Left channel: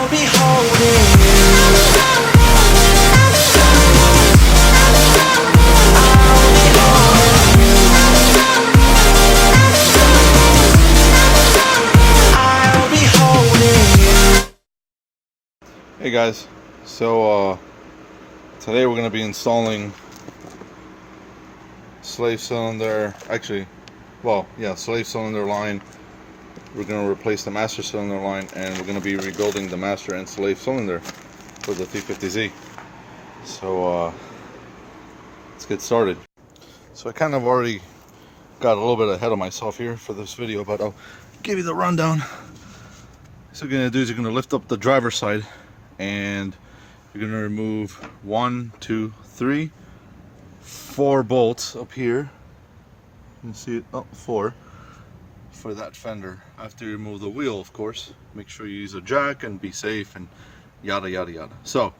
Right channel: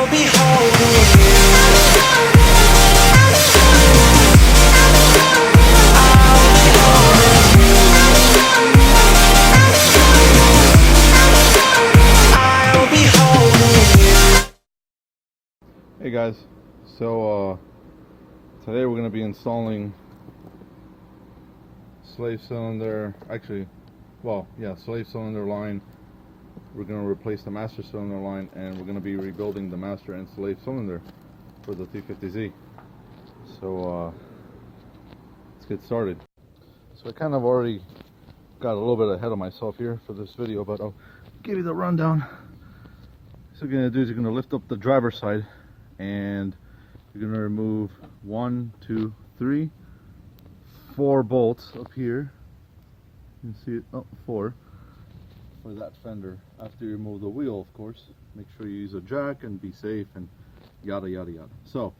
I'll be holding you. I'll be holding you. I'll be holding you. Hey guys, so today we're going to be installing slave cylinder, slave cylinder line. We're going to replace the master cylinder line, and we're going to be rebuilding the master and slave cylinder for the 350Z. So let's get started. So I kind of already got a little bit ahead of myself here for this video, but I'll give you the rundown. So what you're going to do is you're going to lift up the driver's side, and you're going to remove 1, 2, 3, 4 bolts up here. You can see it, 4 for that fender. After you remove the wheel, of course, make sure you use a jack and be safe and yada yada yada. So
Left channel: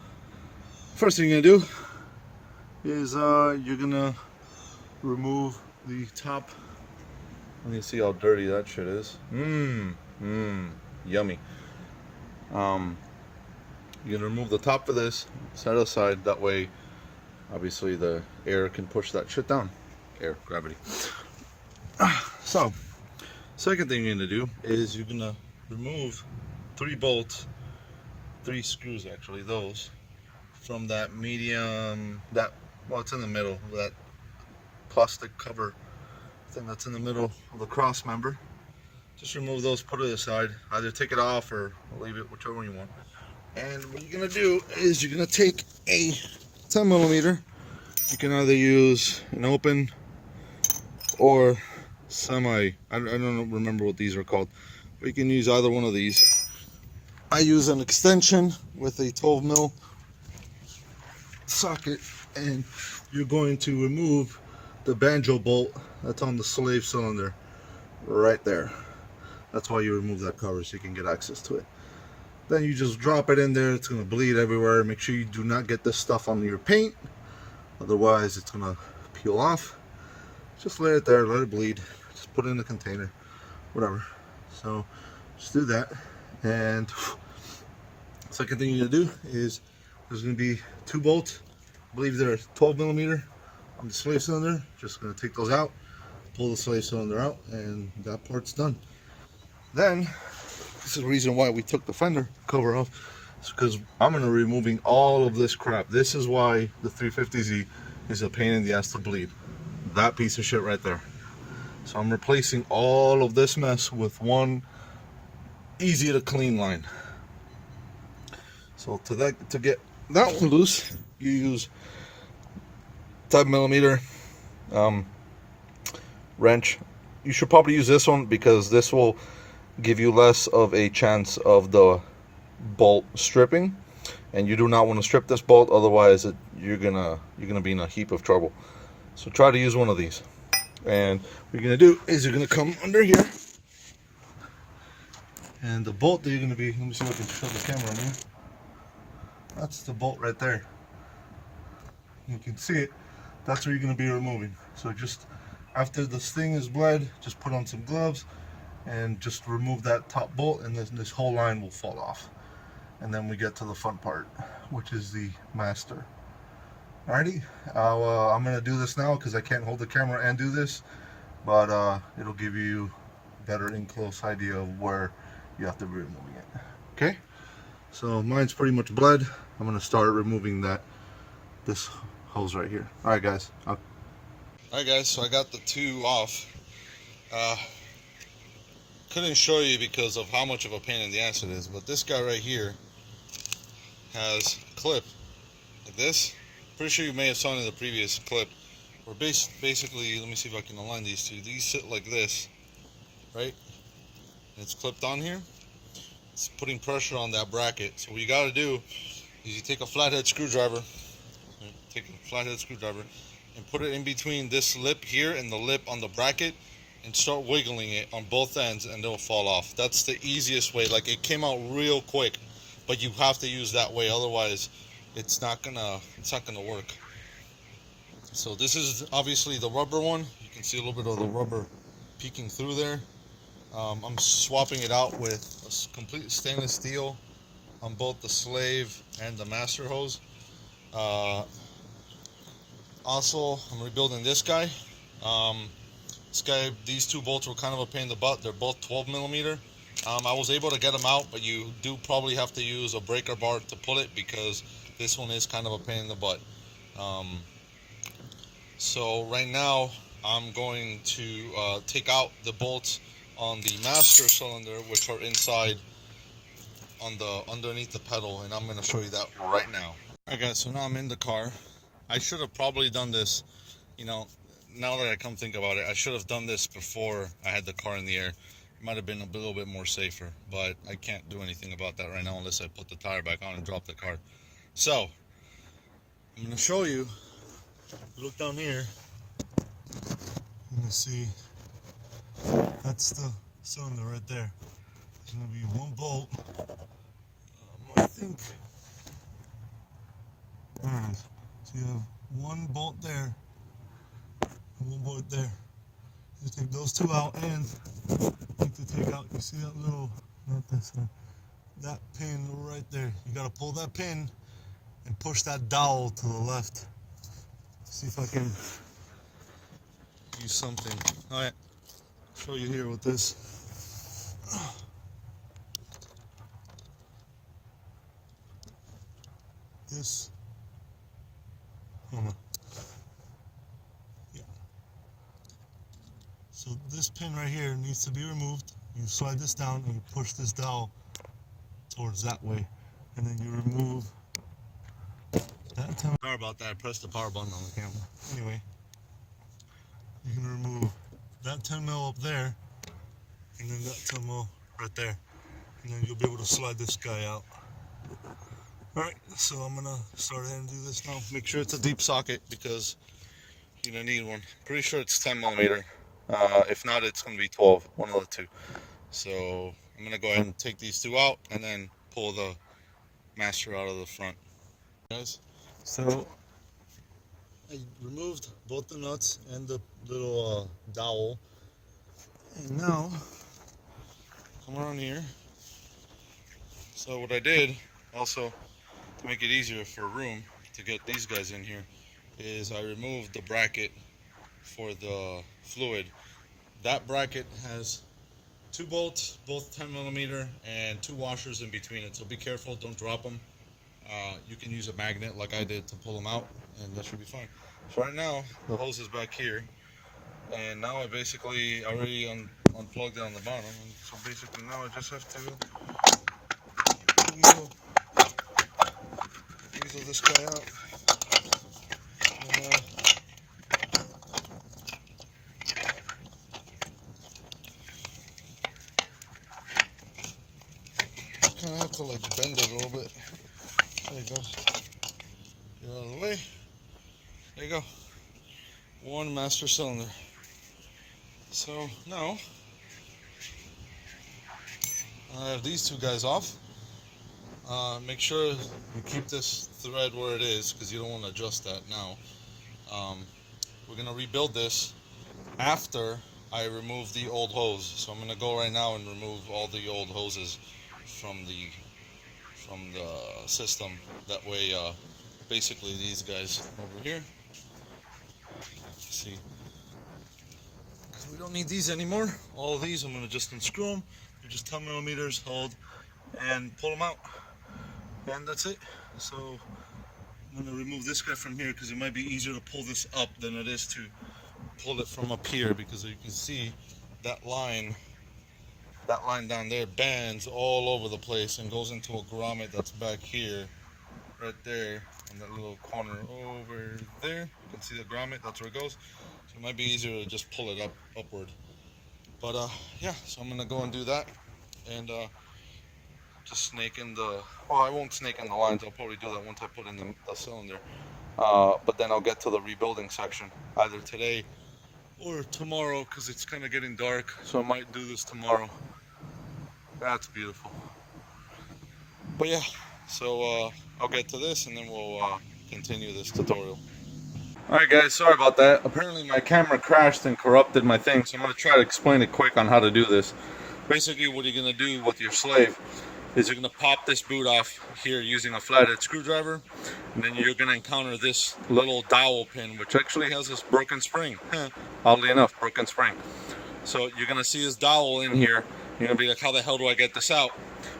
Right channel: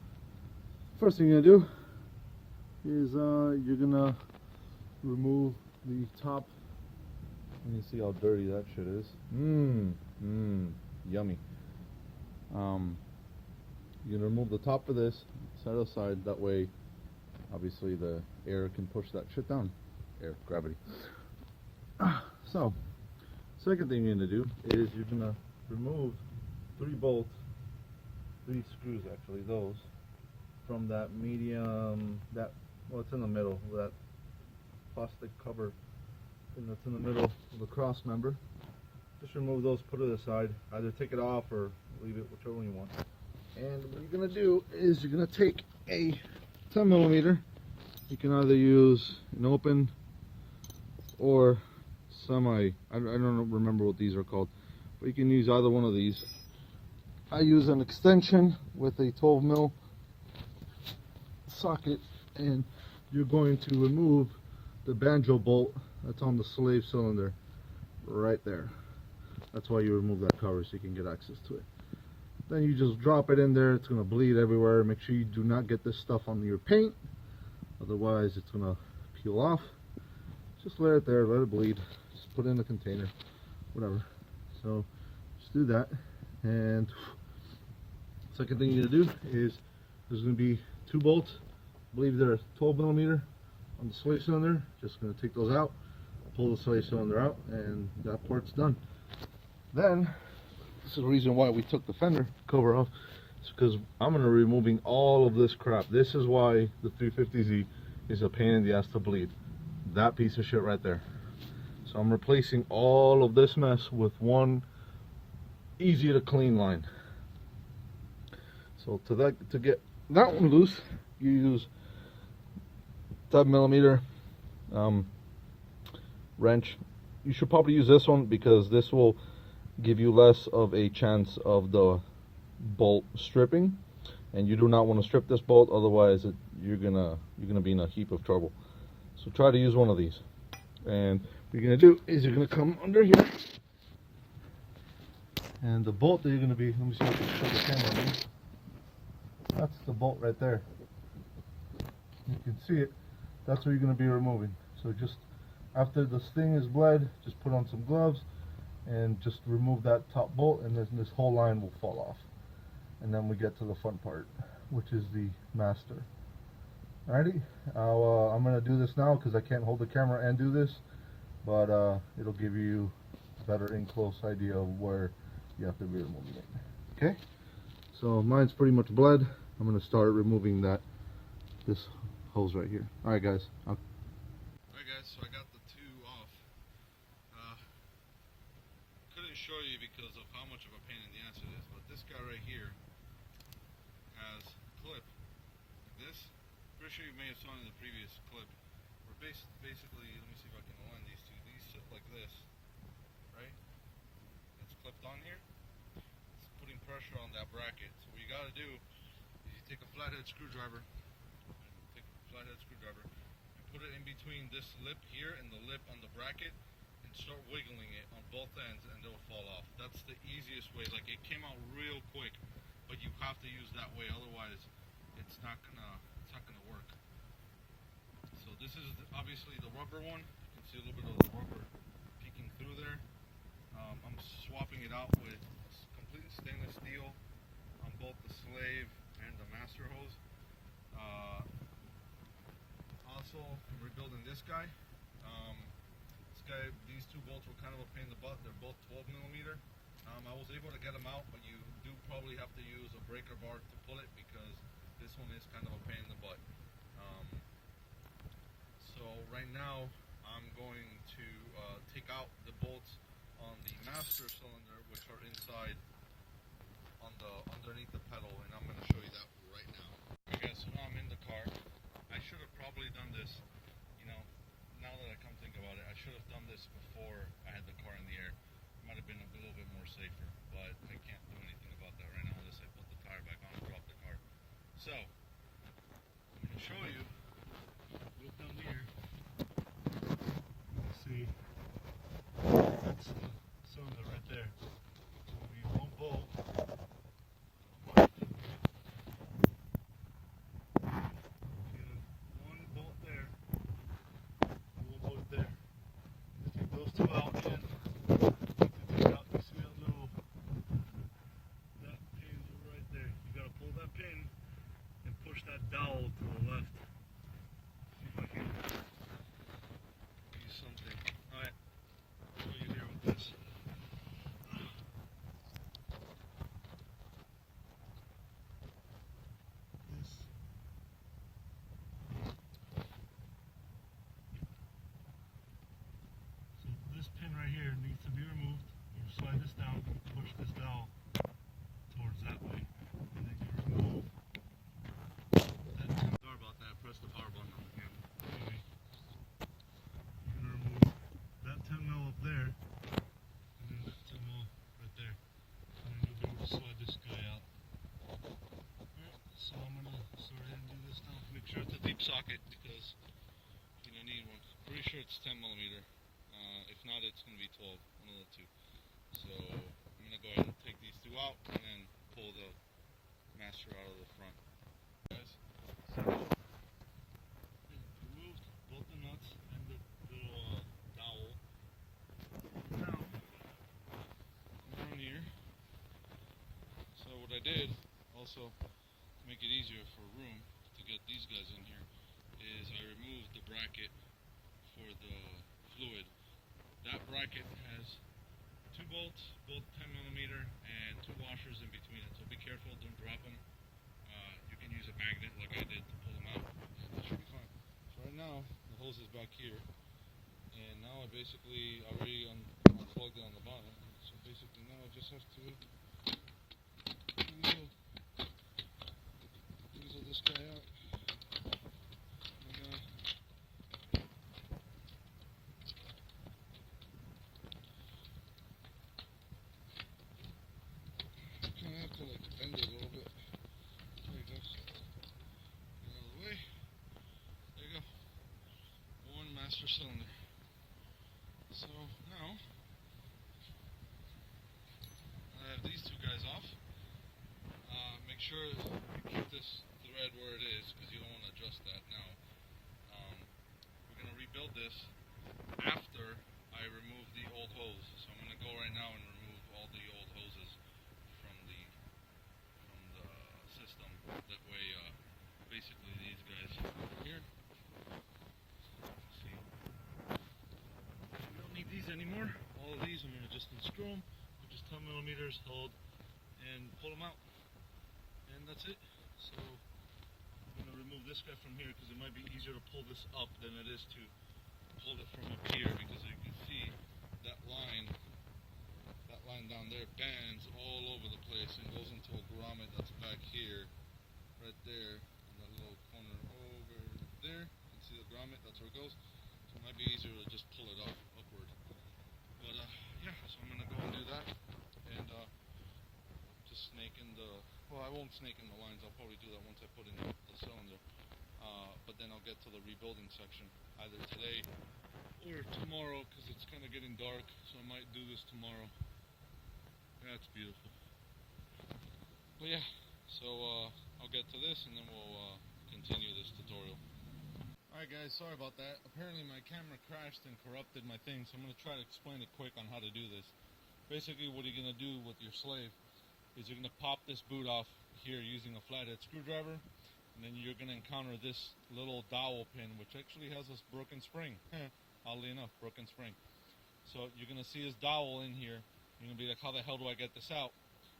first thing you're going to do is you're going to remove the top. Let me see how dirty that shit is. Yummy. You're gonna remove the top of this, set it aside. That way, obviously, the air can push that shit down. Air, gravity. So, second thing you're gonna do is you're gonna remove 3 bolts, 3 screws actually, those from that medium, it's in the middle, that plastic cover thing that's in the middle of the cross member. Just remove those, put it aside. Either take it off or leave it, whichever one you want. And what you're gonna do is you're gonna take a 10mm. You can either use an open or semi. I don't remember what these are called, but you can use either one of these. I use an extension with a 12mm socket, and you're going to remove the banjo bolt that's on the slave cylinder right there. That's why you remove that cover, so you can get access to it. Then you just drop it in there. It's going to bleed everywhere. Make sure you do not get this stuff on your paint, otherwise it's going to peel off. Just let it there, let it bleed. Just put it in a container, whatever. So just do that. And second thing you're going to do is there's going to be 2 bolts. I believe they're 12mm on the slave cylinder. Just going to take those out, pull the slave cylinder out, and that part's done. Then this is the reason why we took the fender cover off. It's because I'm going to be removing all of this crap. This is why the 350Z is a pain in the ass to bleed. That piece of shit right there. So I'm replacing all of this mess with one easy to clean line. So to get that one loose, you use 10mm wrench. You should probably use this one because this will give you less of a chance of the bolt stripping, and you do not want to strip this bolt, otherwise you're gonna be in a heap of trouble. So try to use one of these. And what you're gonna do is you're gonna come under here, and the bolt that you're gonna be, let me see if I can show the camera again. That's the bolt right there. You can see it. That's what you're gonna be removing. So just after this thing is bled, just put on some gloves and just remove that top bolt, and this whole line will fall off. And then we get to the fun part, which is the master. Alrighty, I'm gonna do this now because I can't hold the camera and do this, but it'll give you a better in-close idea of where you have to be removing it. Okay, so mine's pretty much bled. I'm gonna start removing this hose right here. Alright guys, so I got the 2 off. Couldn't show you because of how much of a pain in the ass it is, but this guy right here has a clip like this. Pretty sure you may have saw it in the previous clip, where basically, let me see if I can align these two. These sit like this, right? And it's clipped on here. It's putting pressure on that bracket. So what you got to do is you take a flathead screwdriver, and put it in between this lip here and the lip on the bracket, and start wiggling it on both ends, and it'll fall off. That's the easiest way. Like, it came out real quick, but you have to use that way, otherwise it's not gonna work. So this is obviously the rubber one. You can see a little bit of the rubber peeking through there. I'm swapping it out with a complete stainless steel on both the slave and the master hose. Uh, Also, I'm rebuilding this guy. These two bolts were kind of a pain in the butt. They're both 12 millimeter. I was able to get them out, but you do probably have to use a breaker bar to pull it because this one is kind of a pain in the butt. Um, so right now, I'm going to take out the bolts on the master cylinder, which are inside on the underneath the pedal, and I'm going to show you that right now. Alright guys, so now I'm in the car. I should have probably done this, you know, now that I come think about it, I should have done this before I had the car in the air. It might have been a little bit more safer, but I can't do anything about that right now unless I put the tire back on and drop the car. So, I'm going to show you. Look down here. You can see that's the cylinder right there. There's going to be one bolt. I think there it is. So you have one bolt there and one bolt there. You take those two out, and you need to take out, you see that little, not this one, that pin right there. You gotta pull that pin and push that dowel to the left. See if I can use something. Alright, show you here with this. This, yeah. So this pin right here needs to be removed. You slide this down and you push this dowel towards that way, and then you remove that. Sorry about that. I pressed the power button on the camera. Anyway, you can remove that 10 mil up there, and then that 10 mil right there, and then you'll be able to slide this guy out. Alright, so I'm gonna start ahead and do this now. Make sure it's a deep socket because you're gonna need one. Pretty sure it's 10 millimeter. If not, it's gonna be 12, one of the two. So I'm gonna go ahead and take these two out and then pull the master out of the front. Guys, so I removed both the nuts and the little dowel, and now come around here. So what I did also to make it easier for room to get these guys in here is I removed the bracket for the fluid. That bracket has two bolts, both 10 millimeter, and two washers in between it, so be careful, don't drop them. You can use a magnet like I did to pull them out, and that should be fine. So right now the hose is back here, and now I basically already unplugged it on the bottom, and so basically now I just have to weasel this guy out. And, kind of have to like bend it a little bit. There you go. Get out of the way. There you go. One master cylinder. So now I have these two guys off. Make sure you keep this thread where it is because you don't want to adjust that now. We're going to rebuild this after I remove the old hose. So I'm going to go right now and remove all the old hoses from the system. That way, basically these guys over here. See, we don't need these anymore. All of these I'm going to just unscrew them. They're just 10 millimeters, hold, and pull them out. And that's it. So I'm going to remove this guy from here because it might be easier to pull this up than it is to pull it from up here, because you can see that line down there bends all over the place and goes into a grommet that's back here, right there, in that little corner over there. You can see the grommet, that's where it goes. So it might be easier to just pull it upward. But yeah, so I'm gonna go and do that, and just snake in the, well, I won't snake in the lines, I'll probably do that once I put in the cylinder. But then I'll get to the rebuilding section either today or tomorrow, because it's kind of getting dark, so I might do this tomorrow. That's beautiful. But yeah, so I'll get to this and then we'll continue this tutorial. Alright guys, sorry about that. Apparently my camera crashed and corrupted my thing, so I'm going to try to explain it quick on how to do this. Basically what you're going to do with your slave is you're going to pop this boot off here using a flathead screwdriver, and then you're going to encounter this little dowel pin, which actually has this broken spring. Oddly enough, broken spring. So you're going to see this dowel in here. You're going to be like, how the hell do I get this out?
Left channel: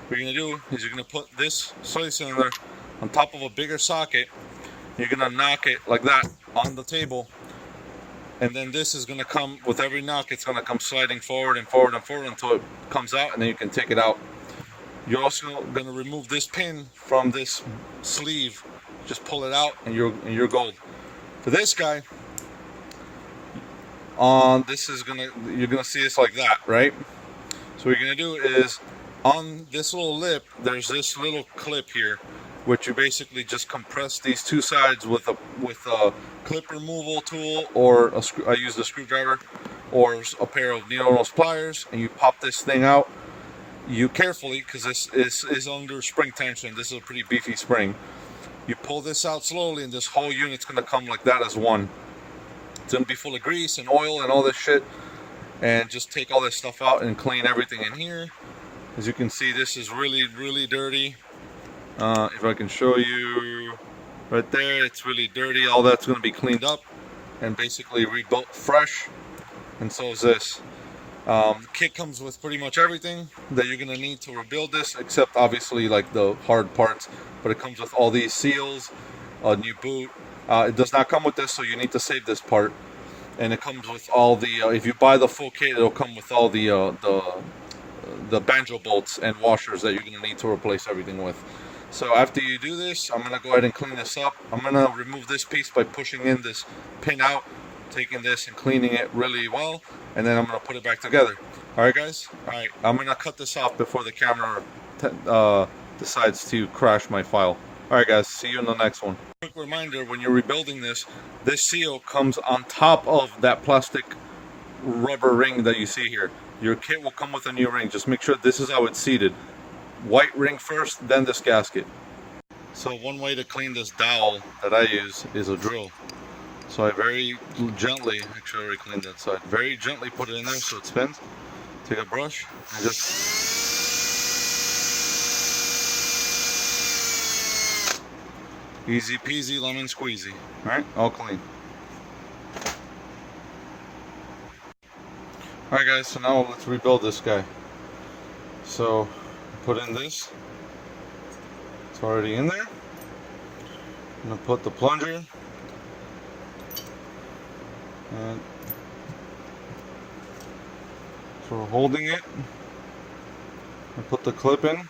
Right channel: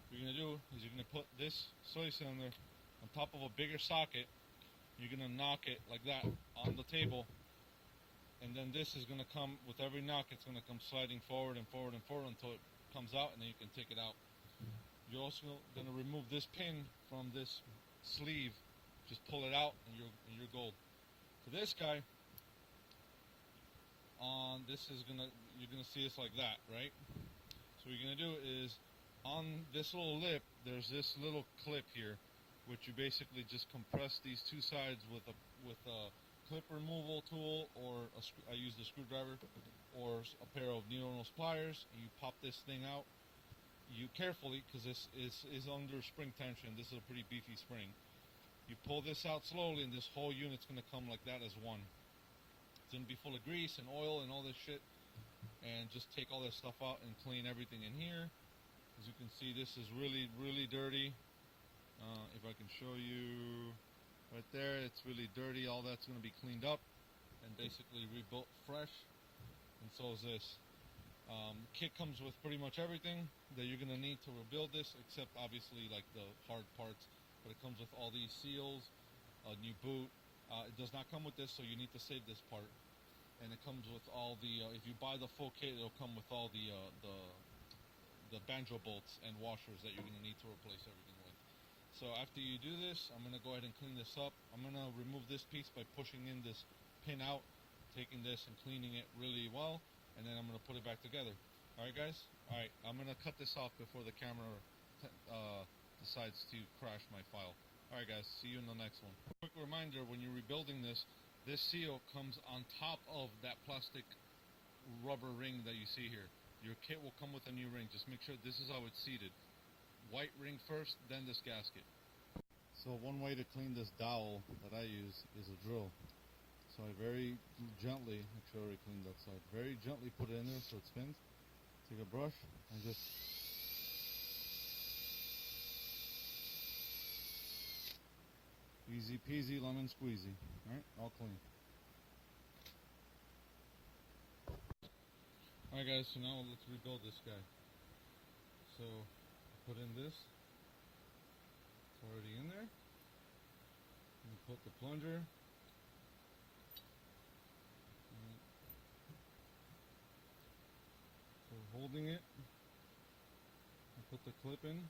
What you're going to do is you're going to put this slave cylinder on top of a bigger socket. You're going to knock it like that on the table, and then this is going to come, with every knock, it's going to come sliding forward and forward and forward until it comes out, and then you can take it out. You're also going to remove this pin from this sleeve. Just pull it out, and you're gold. For this guy, you're gonna see this like that, right? So what you're gonna do is, on this little lip, there's this little clip here, which you basically just compress these two sides with a clip removal tool, or I use a screwdriver, or a pair of needle nose pliers, and you pop this thing out. You carefully, because this is under spring tension. This is a pretty beefy spring. You pull this out slowly, and this whole unit's gonna come like that as one. It's gonna be full of grease and oil and all this shit. And just take all this stuff out and clean everything in here. As you can see, this is really, really dirty. If I can show you right there, it's really dirty. All that's gonna be cleaned up and basically rebuilt fresh. And so is this. The kit comes with pretty much everything that you're gonna need to rebuild this, except obviously like the hard parts. But it comes with all these seals, a new boot. It does not come with this, so you need to save this part. And it comes with all the. If you buy the full kit, it'll come with all the banjo bolts and washers that you're gonna need to replace everything with. So after you do this, I'm gonna go ahead and clean this up. I'm gonna remove this piece by pushing in this pin out, taking this and cleaning it really well, and then I'm gonna put it back together. All right, guys. All right, I'm gonna cut this off before the camera decides to crash my file. All right, guys. See you in the next one. Quick reminder: when you're rebuilding this seal comes on top of that plastic rubber ring that you see here. Your kit will come with a new ring. Just make sure this is how it's seated. White ring first, then this gasket. So one way to clean this dowel that I use is a drill. So I very gently, actually I already cleaned that side, very gently put it in there so it spins. Take a brush and just easy peasy lemon squeezy. Alright, all clean. Alright guys, so now let's rebuild this guy. So put in this. It's already in there. I'm gonna put the plunger. And so we're holding it. I put the clip in.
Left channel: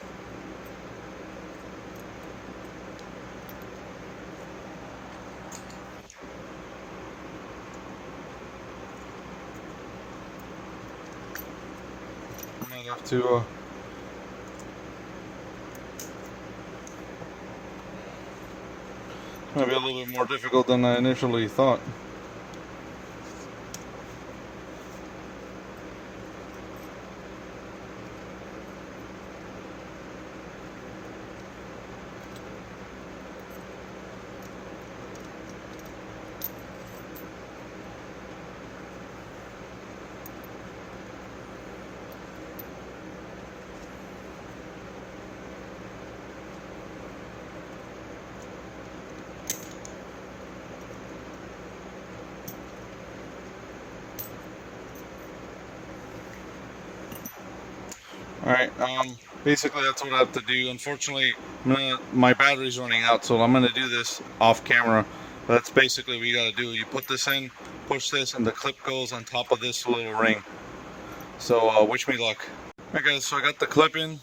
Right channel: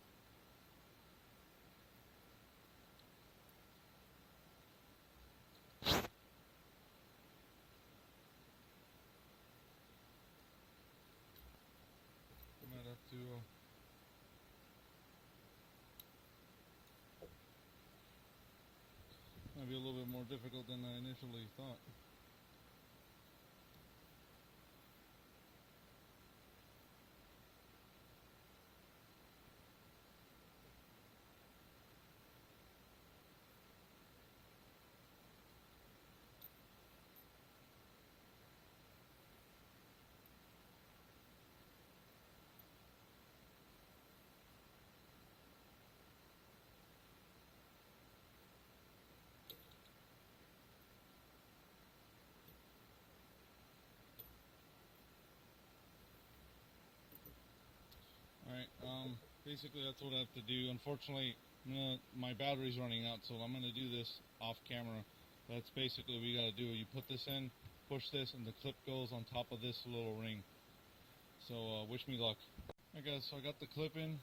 I might have to it's gonna be a little bit more difficult than I initially thought. Alright, basically that's what I have to do. Unfortunately, my battery's running out, so I'm going to do this off camera. But that's basically what you got to do. You put this in, push this, and the clip goes on top of this little ring. So wish me luck. Alright guys, so I got the clip in. You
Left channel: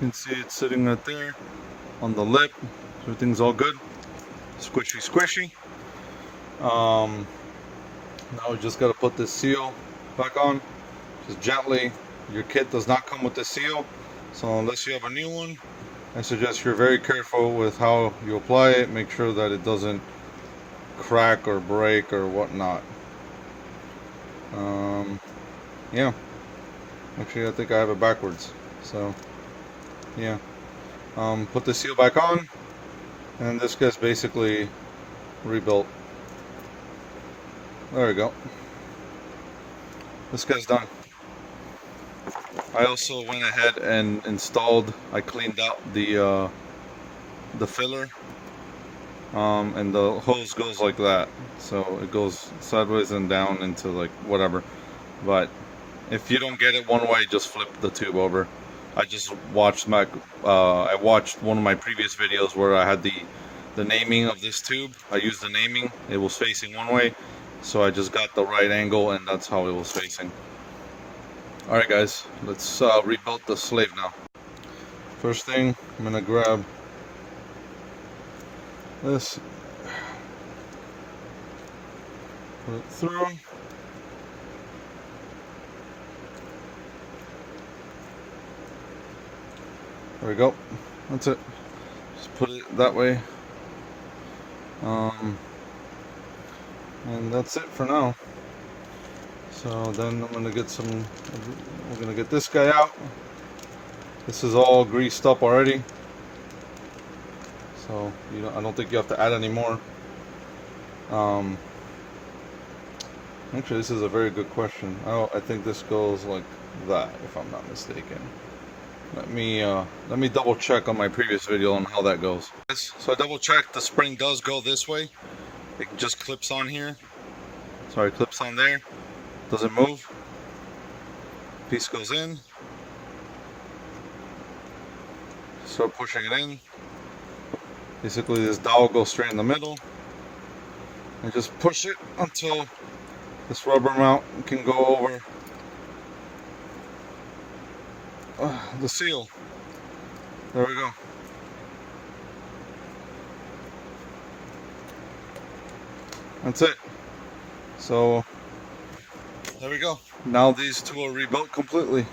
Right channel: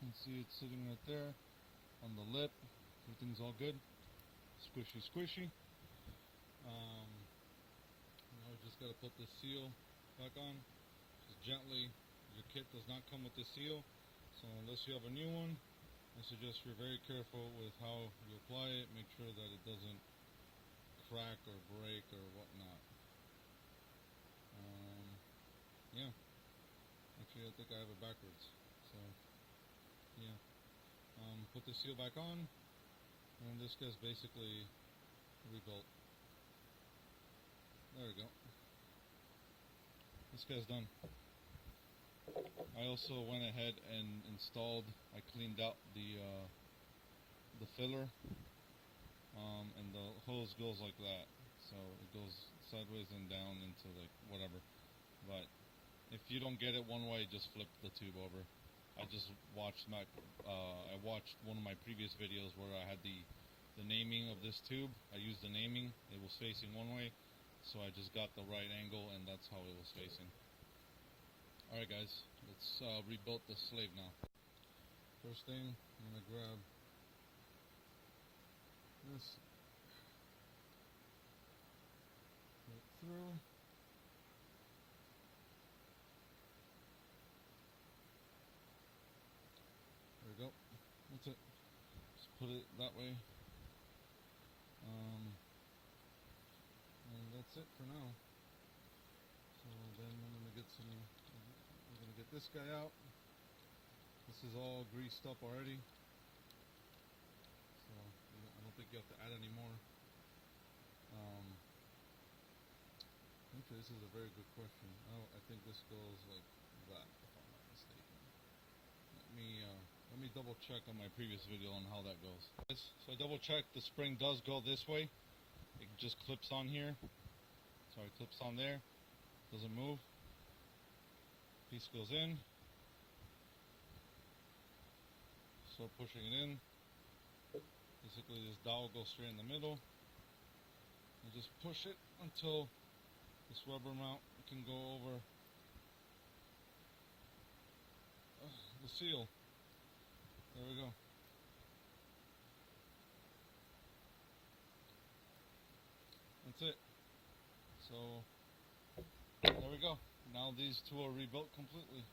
can see it's sitting right there on the lip. Everything's all good. Squishy, squishy. Now we just got to put this seal back on. Just gently. Your kit does not come with the seal, so unless you have a new one, I suggest you're very careful with how you apply it. Make sure that it doesn't crack or break or whatnot. Yeah. Actually, I think I have it backwards. So, yeah. Put the seal back on, and this guy's basically rebuilt. There we go. This guy's done. I also went ahead and installed, I cleaned out the filler, and the hose goes like that, so it goes sideways and down into like whatever. But if you don't get it one way, just flip the tube over. I just watched I watched one of my previous videos where I had the naming of this tube. I used the naming. It was facing one way, so I just got the right angle, and that's how it was facing. All right, guys, let's rebuild the slave now. First thing, I'm gonna grab this, put it through. There we go. That's it. Just put it that way. And that's it for now. So then I'm gonna get we're gonna get this guy out. This is all greased up already. So I don't think you have to add any more. Actually, this is a very good question. I think this goes like that, if I'm not mistaken. Let me double check on my previous video on how that goes. So I double checked. The spring does go this way. It just clips on here. Sorry, clips on there. Doesn't move. Piece goes in. Start pushing it in. Basically, this dowel goes straight in the middle. And just push it until this rubber mount can go over the seal. There we go. That's it. So there we go. Now these two are rebuilt completely.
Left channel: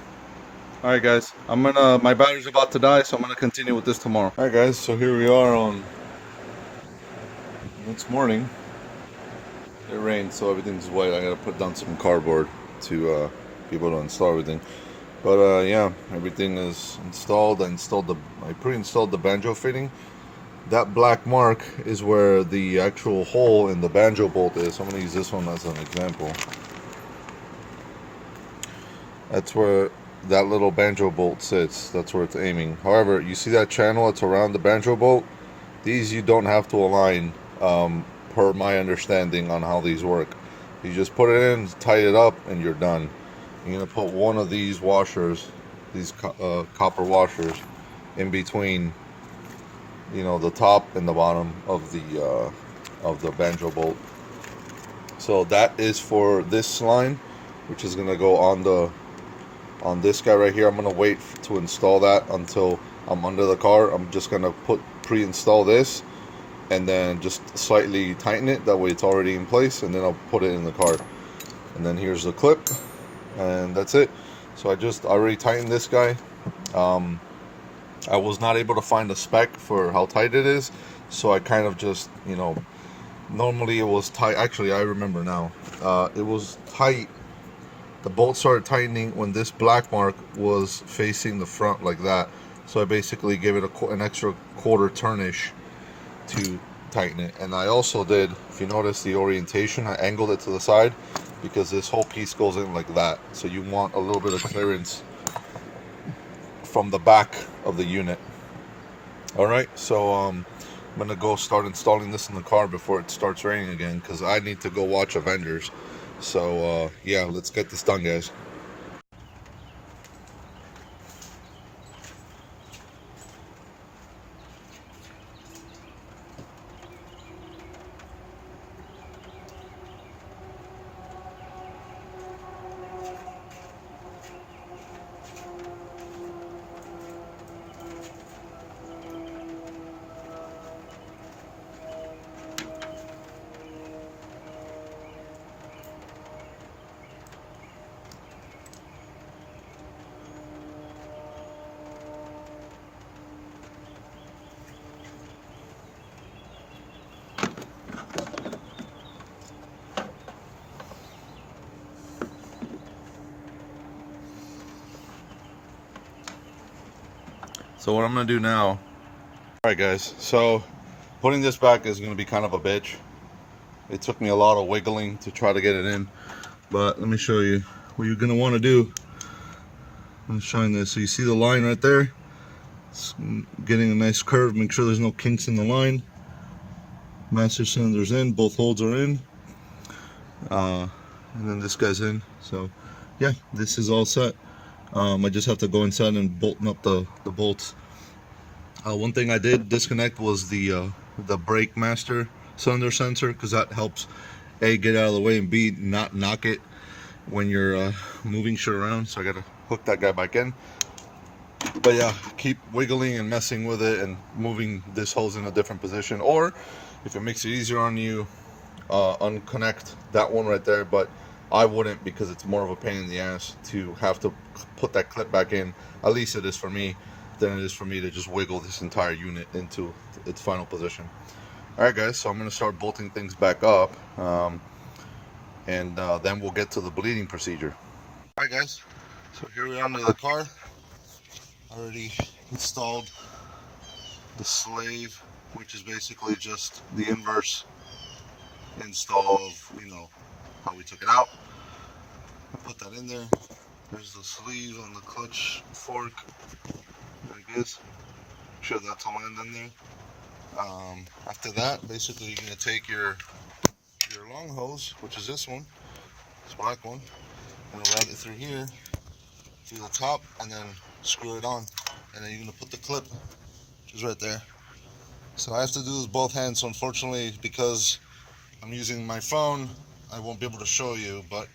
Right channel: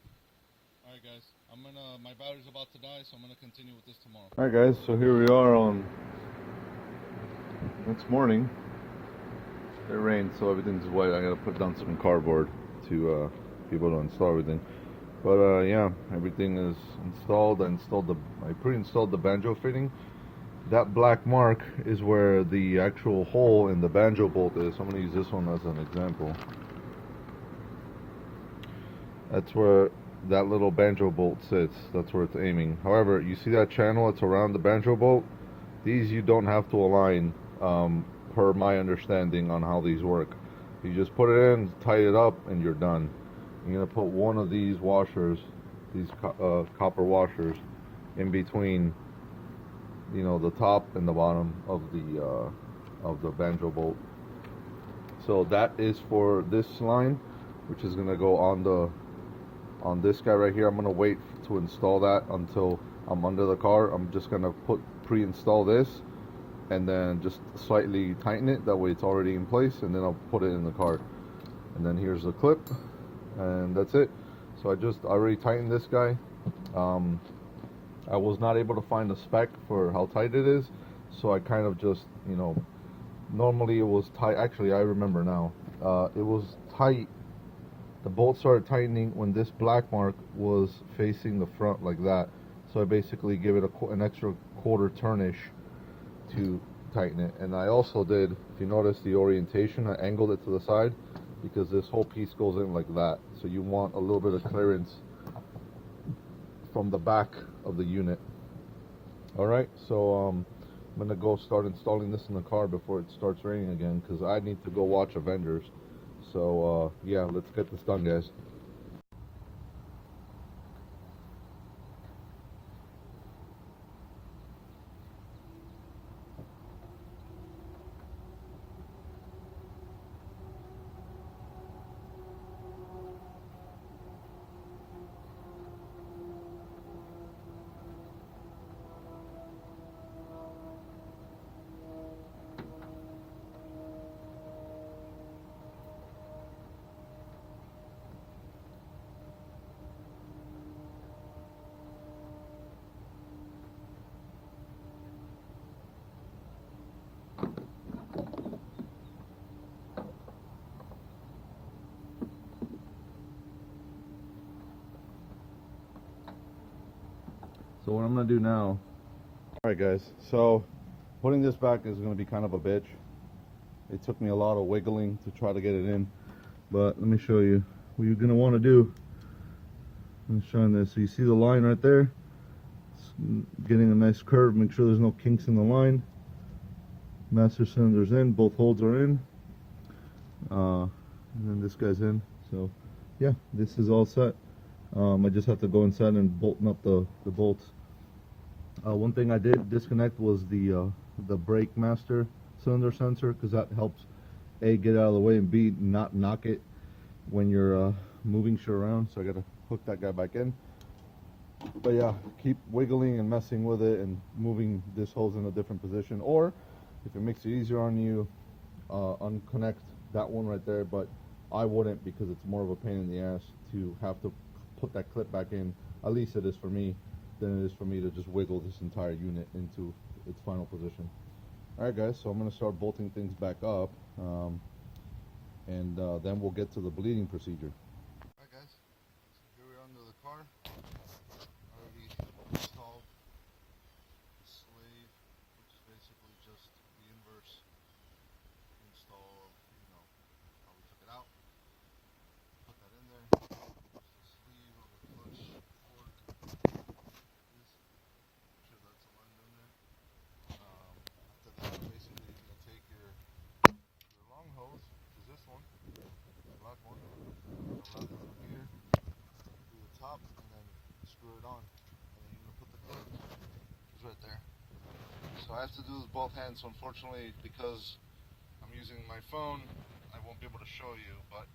Alright guys, my battery's about to die, so I'm gonna continue with this tomorrow. Alright guys, so here we are on next morning. It rained, so everything's white. I gotta put down some cardboard to be able to install everything. But yeah, everything is installed. I pre-installed the banjo fitting. That black mark is where the actual hole in the banjo bolt is. So I'm gonna use this one as an example. That's where that little banjo bolt sits. That's where it's aiming. However, you see that channel that's around the banjo bolt? These you don't have to align, per my understanding on how these work. You just put it in, tight it up, and you're done. You're gonna put one of these washers, these copper washers, in between, the top and the bottom of the banjo bolt. So that is for this line, which is gonna go on this guy right here. I'm gonna wait to install that until I'm under the car. I'm just gonna pre-install this and then just slightly tighten it. That way it's already in place, and then I'll put it in the car. And then here's the clip, and that's it. So I already tightened this guy. I was not able to find a spec for how tight it is, so I kind of just, normally it was tight. Actually, I remember now. It was tight. The bolt started tightening when this black mark was facing the front like that. So I basically gave it an extra quarter turnish to tighten it. And I also did, if you notice the orientation, I angled it to the side because this whole piece goes in like that. So you want a little bit of clearance from the back of the unit. Alright, so I'm gonna go start installing this in the car before it starts raining again, because I need to go watch Avengers. So yeah, let's get this done, guys. So what I'm gonna do now, alright guys, so putting this back is gonna be kind of a bitch. It took me a lot of wiggling to try to get it in, but let me show you what you're gonna want to do. I'm showing this. So you see the line right there? It's getting a nice curve. Make sure there's no kinks in the line. Master cylinder's in, both holes are in. And then this guy's in. So yeah, this is all set. I just have to go inside and bolting up the bolts. One thing I did disconnect was the brake master cylinder sensor, because that helps A, get out of the way, and B, not knock it when you're moving shit around. So I gotta hook that guy back in. But yeah, keep wiggling and messing with it and moving this hose in a different position, or if it makes it easier on you, unconnect that one right there. But I wouldn't, because it's more of a pain in the ass to have to put that clip back in. At least it is for me, than it is for me to just wiggle this entire unit into its final position. Alright guys, so I'm going to start bolting things back up, and then we'll get to the bleeding procedure. Alright guys, so here we are under the car. Already installed the slave, which is basically just the inverse install of, how we took it out. I put that in there. There's the sleeve on the clutch fork, I guess. I'm sure that's all land in there. After that, basically you're going to take your long hose, which is this one, this black one. You're going to route it through here, through the top, and then screw it on. And then you're going to put the clip, which is right there. So I have to do this both hands. So unfortunately, because I'm using my phone, I won't be able to show you. But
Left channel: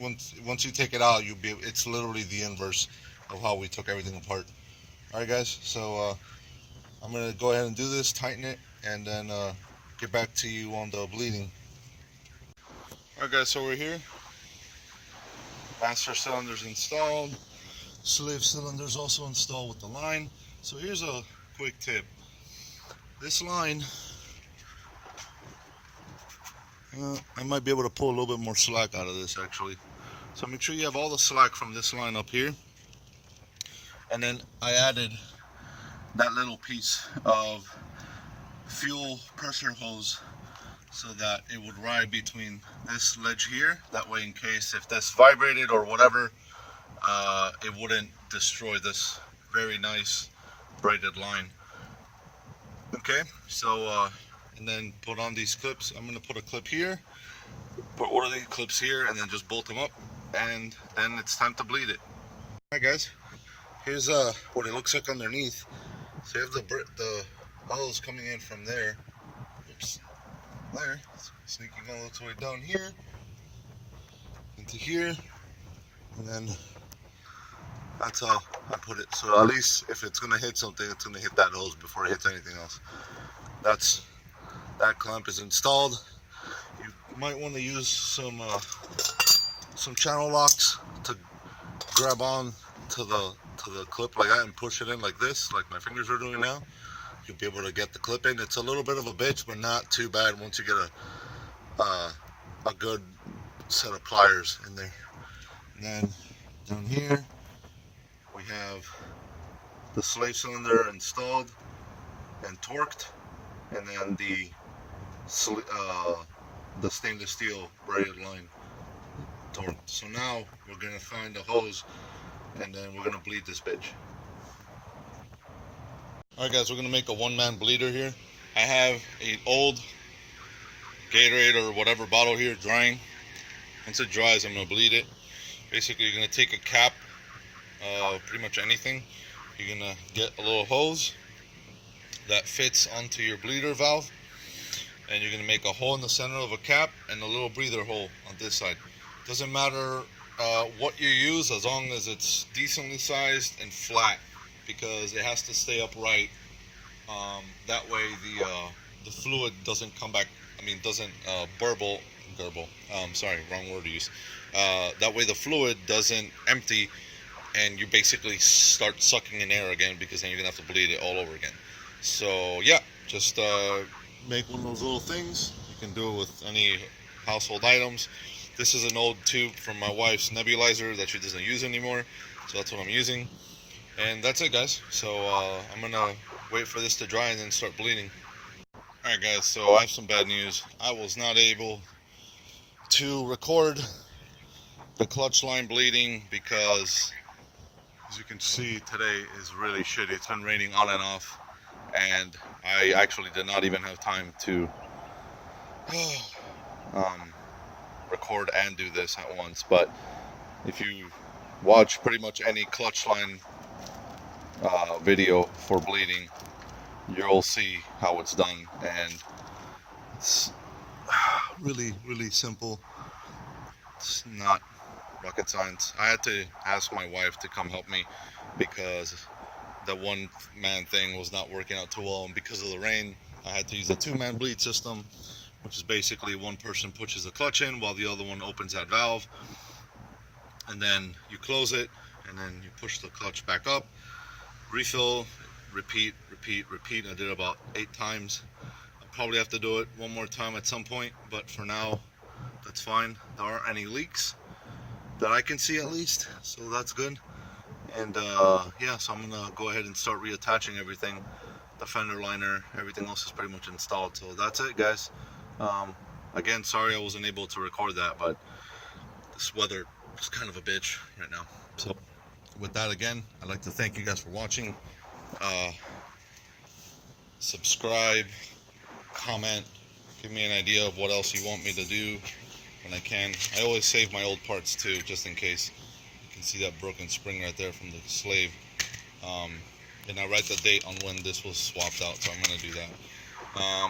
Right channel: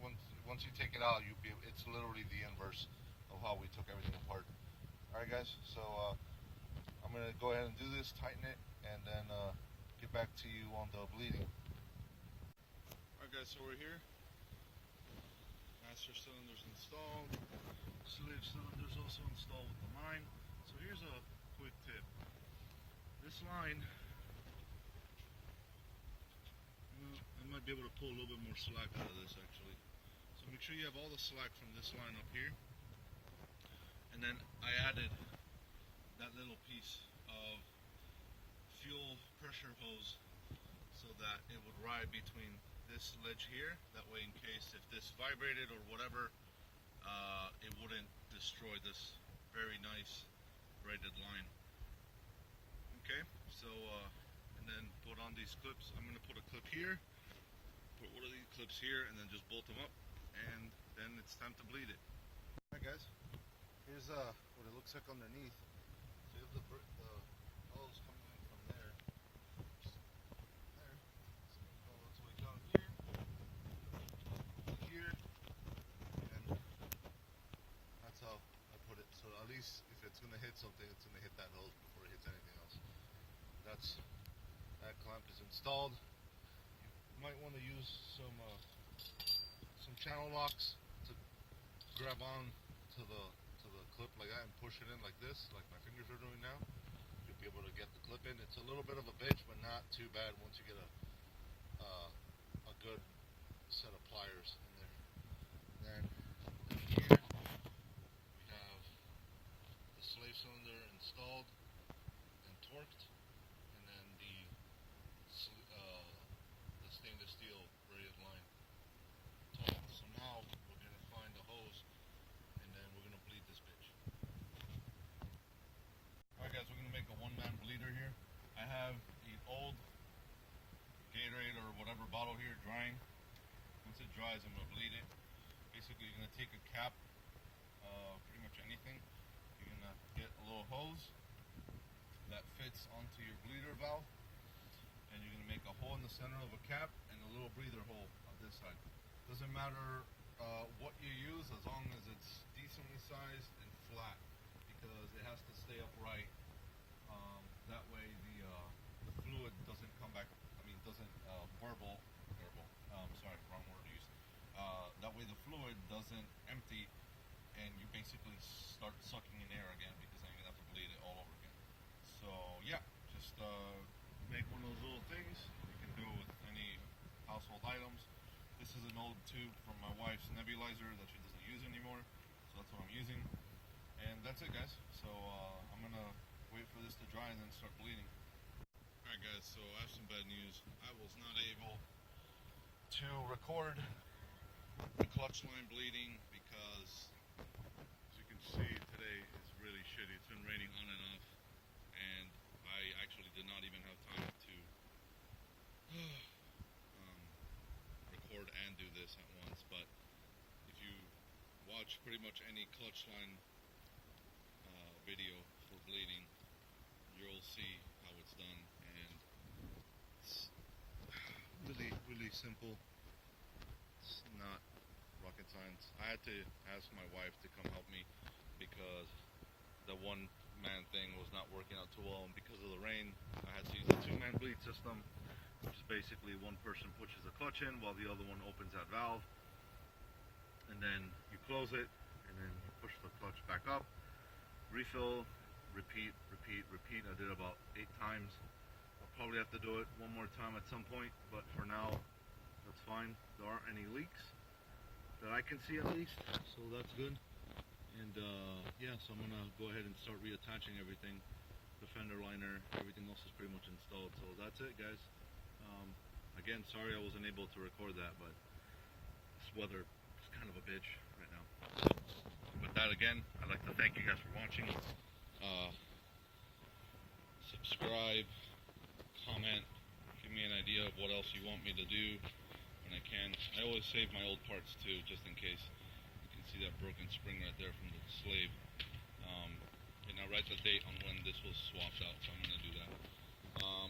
once you take it out, it's literally the inverse of how we took everything apart. All right, guys. So I'm gonna go ahead and do this, tighten it, and then get back to you on the bleeding. All right, guys. So we're here. Master cylinder's installed. Slave cylinder's also installed with the line. So here's a quick tip. This line, I might be able to pull a little bit more slack out of this actually. So make sure you have all the slack from this line up here. And then I added that little piece of fuel pressure hose so that it would ride between this ledge here. That way, in case if this vibrated or whatever, it wouldn't destroy this very nice braided line. Okay, so and then put on these clips. I'm gonna put a clip here, put one of these clips here, and then just bolt them up, and then it's time to bleed it. Alright guys, here's what it looks like underneath. So you have the hose coming in from there. Oops, there, sneaking all its way down here into here, and then that's how I put it. So at least if it's gonna hit something, it's gonna hit that hose before it hits anything else. That clamp is installed. You might want to use some channel locks to grab on to the clip like that and push it in like this, like my fingers are doing now. You'll be able to get the clip in. It's a little bit of a bitch, but not too bad once you get a good set of pliers in there. And then down here we have the slave cylinder installed and torqued, and then the stainless steel braided line torqued. So now we're gonna find a hose, and then we're gonna bleed this bitch. Alright guys, we're gonna make a one-man bleeder here. I have an old Gatorade or whatever bottle here drying. Once it dries, I'm gonna bleed it. Basically, you're gonna take a cap, pretty much anything. You're gonna get a little hose that fits onto your bleeder valve, and you're gonna make a hole in the center of a cap and a little breather hole on this side. Doesn't matter what you use, as long as it's decently sized and flat, because it has to stay upright. That way the fluid doesn't come back, doesn't burble. Sorry, wrong word to use. That way the fluid doesn't empty and you basically start sucking in air again, because then you're gonna have to bleed it all over again. So yeah, just make one of those little things. You can do it with any household items. This is an old tube from my wife's nebulizer that she doesn't use anymore, so that's what I'm using. And that's it, guys. So I'm gonna wait for this to dry and then start bleeding. Alright guys, so I have some bad news. I was not able to record the clutch line bleeding because, as As you can see, today is really shitty. It's been raining on and off, and I actually did not even have time to record and do this at once. But if you watch pretty much any clutch line video for bleeding, you'll see how it's done, and it's really simple. It's not rocket science. I had to ask my wife to come help me because the one-man thing was not working out too well, and because of the rain I had to use a two-man bleed system, which is basically one person pushes the clutch in while the other one opens that valve, and then you close it, and then you push the clutch back up, refill, repeat. I did about 8 times. I'll probably have to do it one more time at some point, but for now that's fine. There aren't any leaks that I can see, at least, so that's good. And yeah, so I'm gonna go ahead and start reattaching everything. The fender liner, everything else is pretty much installed, so that's it, guys. Again, sorry I wasn't able to record that, but this weather is kind of a bitch right now. So with that, again, I'd like to thank you guys for watching. Subscribe, comment, give me an idea of what else you want me to do when I can. I always save my old parts too, just in case. You can see that broken spring right there from the slave. And I write the date on when this was swapped out, so I'm going to do that.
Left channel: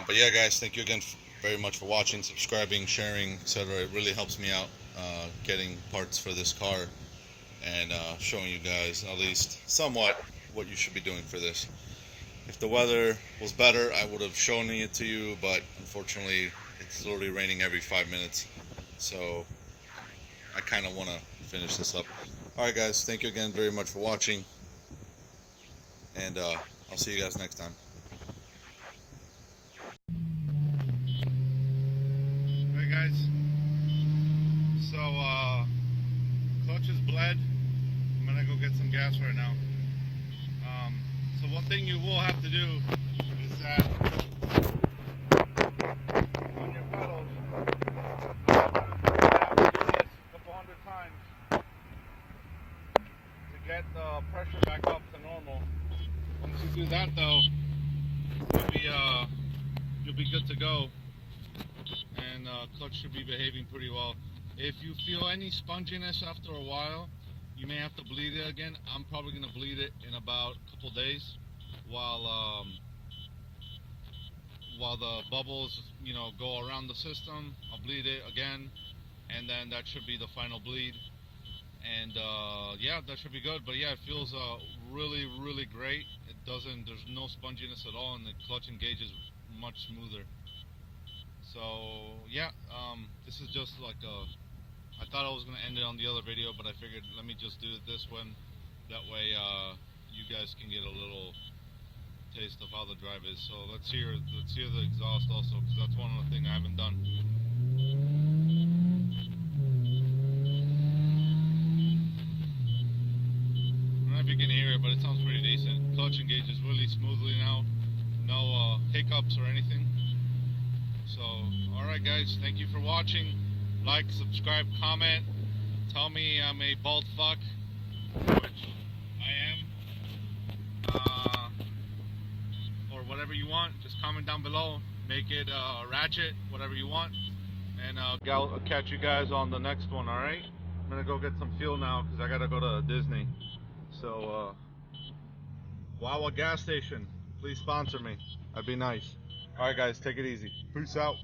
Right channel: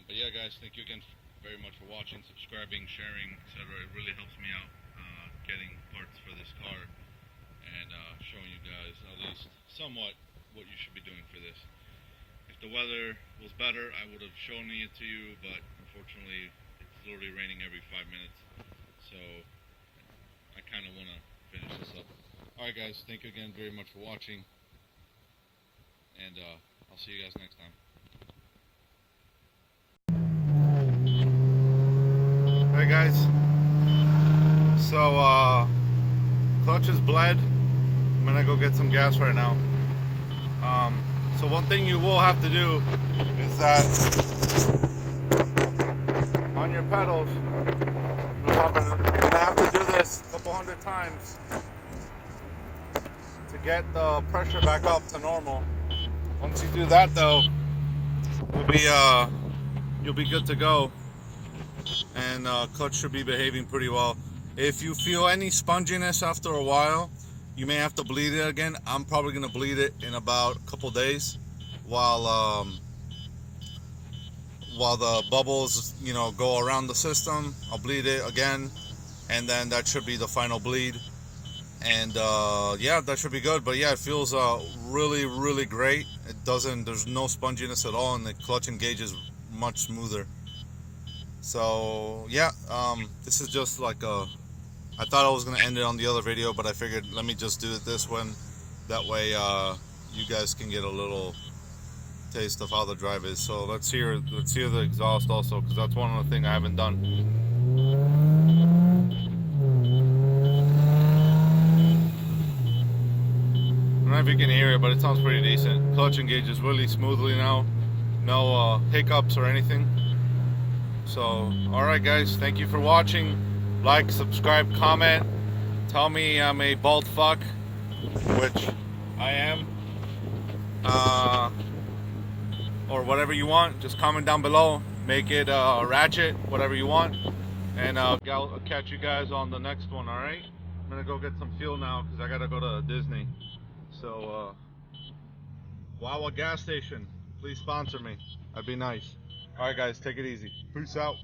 But yeah, guys, thank you again very much for watching, subscribing, sharing, etc. It really helps me out getting parts for this car and showing you guys at least somewhat what you should be doing for this. If the weather was better, I would have shown it to you, but unfortunately it's literally raining every 5 minutes, so I kind of want to finish this up. Alright guys, thank you again very much for watching, and I'll see you guys next time. Hey guys, so clutch is bled. I'm gonna go get some gas right now. So one thing you will have to do is that on your pedals, you're gonna have to do this a couple hundred times to get the pressure back up to normal. Once you do that, though, you'll be good to go, and clutch should be behaving pretty well. If you feel any sponginess after a while, you may have to bleed it again. I'm probably gonna bleed it in about a couple days while the bubbles, you know, go around the system. I'll bleed it again, and then that should be the final bleed. And yeah, that should be good. But yeah, it feels really great. There's no sponginess at all, and the clutch engage is much smoother. So yeah, this is just like I thought I was going to end it on the other video, but I figured let me just do it this one. That way you guys can get a little taste of how the drive is. So let's hear the exhaust also, because that's one of the things I haven't done. I don't know if you can hear it, but it sounds pretty decent. Clutch engages really smoothly now. No hiccups or anything. So alright guys, thank you for watching. Like, subscribe, comment, tell me I'm a bald fuck, which I am, or whatever you want. Just comment down below, make it ratchet, whatever you want, and I'll catch you guys on the next one. Alright, I'm gonna go get some fuel now because I gotta go to Disney. So Wawa gas station, please sponsor me, that'd be nice. Alright guys, take it easy, peace out.